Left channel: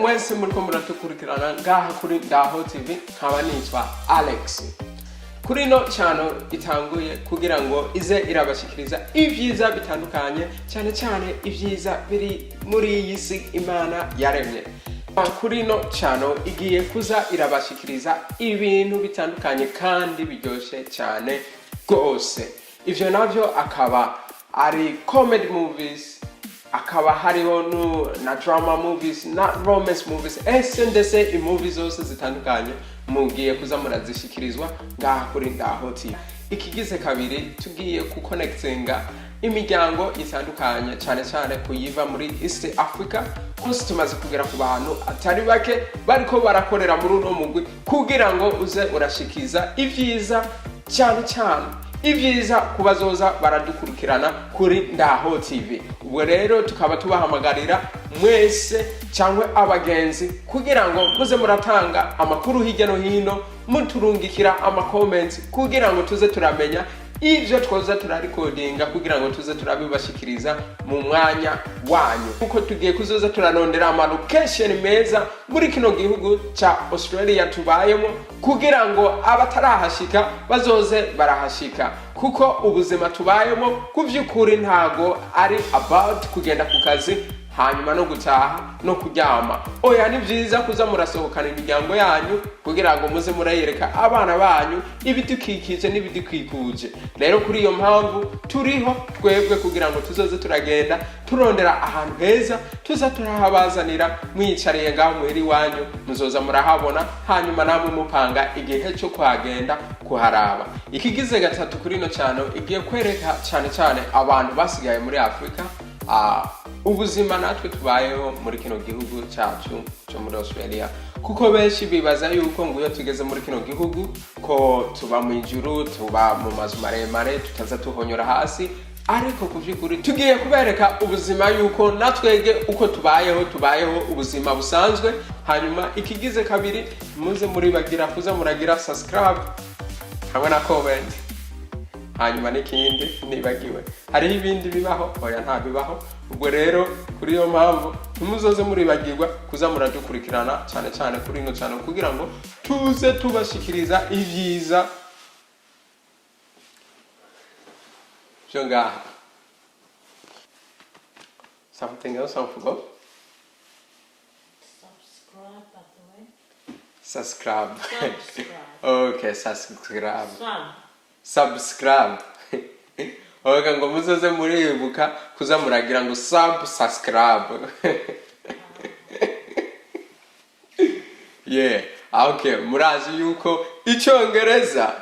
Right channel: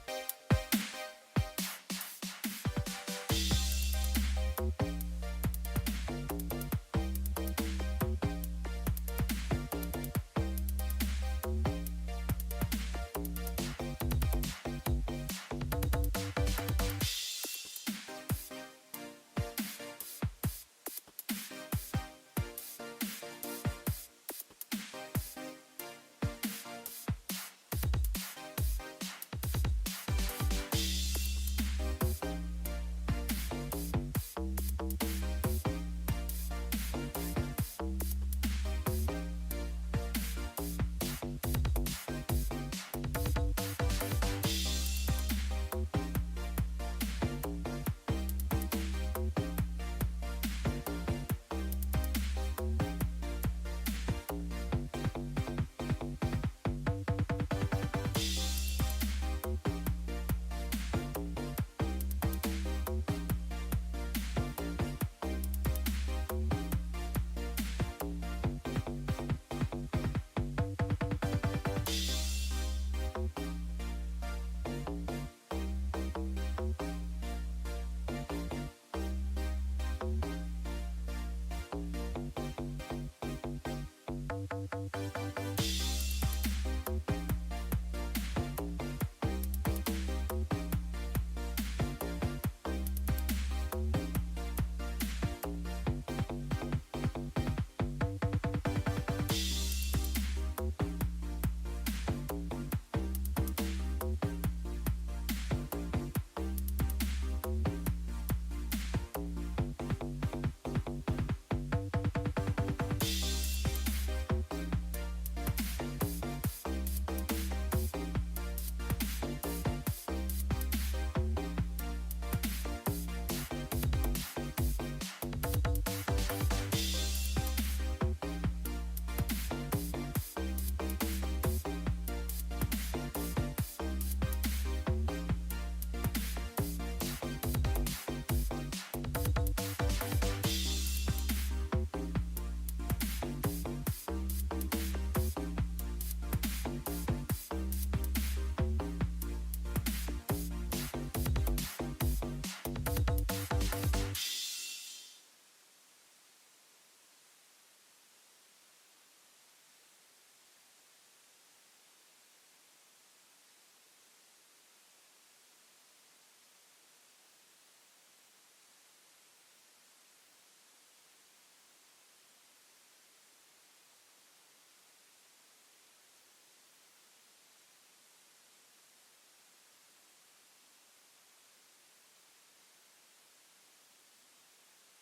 mwese muriko muratukurikirana ngaha kuri Ndaho TV, nkaba nitwa Alex. Kuri no channel itanguye kugira ngo ize irabashikiriza ivyiza bitandukanye, cyane cyane ivyiza biri muri iyi si Imana yaremye. Kuri no channel igiye kuza irabashikiriza ibintu bitandukanye kandi biryoshe cyane gose. Ivyo navyo akaba ari comedy movies, akaba hariho na drama movies, na romance movies, ndetse movies zose zitandukanye mugiye kuza murazishikirizwa ngaha kuri Ndaho TV. Ikigize kabiri tugiye kuconnectinga imiryango itandukanye, cyane cyane kuyiva muri East Africa. Kuko tumaze kugera ku bantu atari bake bariko barakorera muri uno mugwi kugira ngo uze urashikiza ivyiza, cyane cyane ivyiza kubazoza baradukurikirana kuri Ndaho TV. Ubwo rero tukaba tubahamagarira mwese cyangwa abagenzi kugira ngo muze muratanga amakuru hirya no hino, muturungikira comments kugira ngo tuze turamenya ivyo twoza turarecordinga kugira ngo tuze turabibashikiriza mu mwanya wanyu. Kuko tugiye kuzoza turanondera ama location meza muri kino gihugu cha Australia tubayemo kugira ngo abatarahashika bazoze barahashika. Kuko ubuzima tubayemo kuvyukuri ntago ari about kugenda ku kazi hanyuma no gutaha no kuryama. Oya, ni vyiza kuza murasohokana imiryango yanyu kugira ngo muze murayereka abana banyu ibidukikije n'ibidukikuje. Rero kuri iyo mpamvu turiho twebwe kugira ngo tuzoze turagenda turondera ahantu heza tuza turahabazanira, mwicariye ngaho muheri wanyu muzoza murahabona, hanyuma namwe mupanga igihe cyo kuhagenda kuharaba. Ikigize gatatu kuri no cyane igiye kwereka cyane cyane abantu basigaye muri Afrika ubuzima natwe tubayeho muri kino gihugu cyacu cyo muri Australia. Kuko benshi bibaza yuko ngo iyo tugeze muri kino gihugu ko tuba mu ijuru, tuba mu mazu maremare, tutaza tuhonyora hasi. Ariko kuvyukuri tugiye kubereka ubuzima yuko natwege uko tubayeho ubuzima busanzwe. Hanyuma ikigize kabiri muze muri bagira kuza muragira subscribe hamwe na comment. Hanyuma n'ikindi nibagiwe, hari ibindi bibaho, oya nta bibaho. Ubwo rero kuri iyo mpamvu tumuzoze muribagirwa kuza muradukurikirana cyane cyane kuri ino cyane kugira ngo tuze tubashikiriza ivyiza byo ngaha. Something else I forgot? Subscribe. Okay, subscribe. Oga ngo muzoze muribuka kuza muragira ngo subscribe. Yeah, okay, murazi yuko icyongereza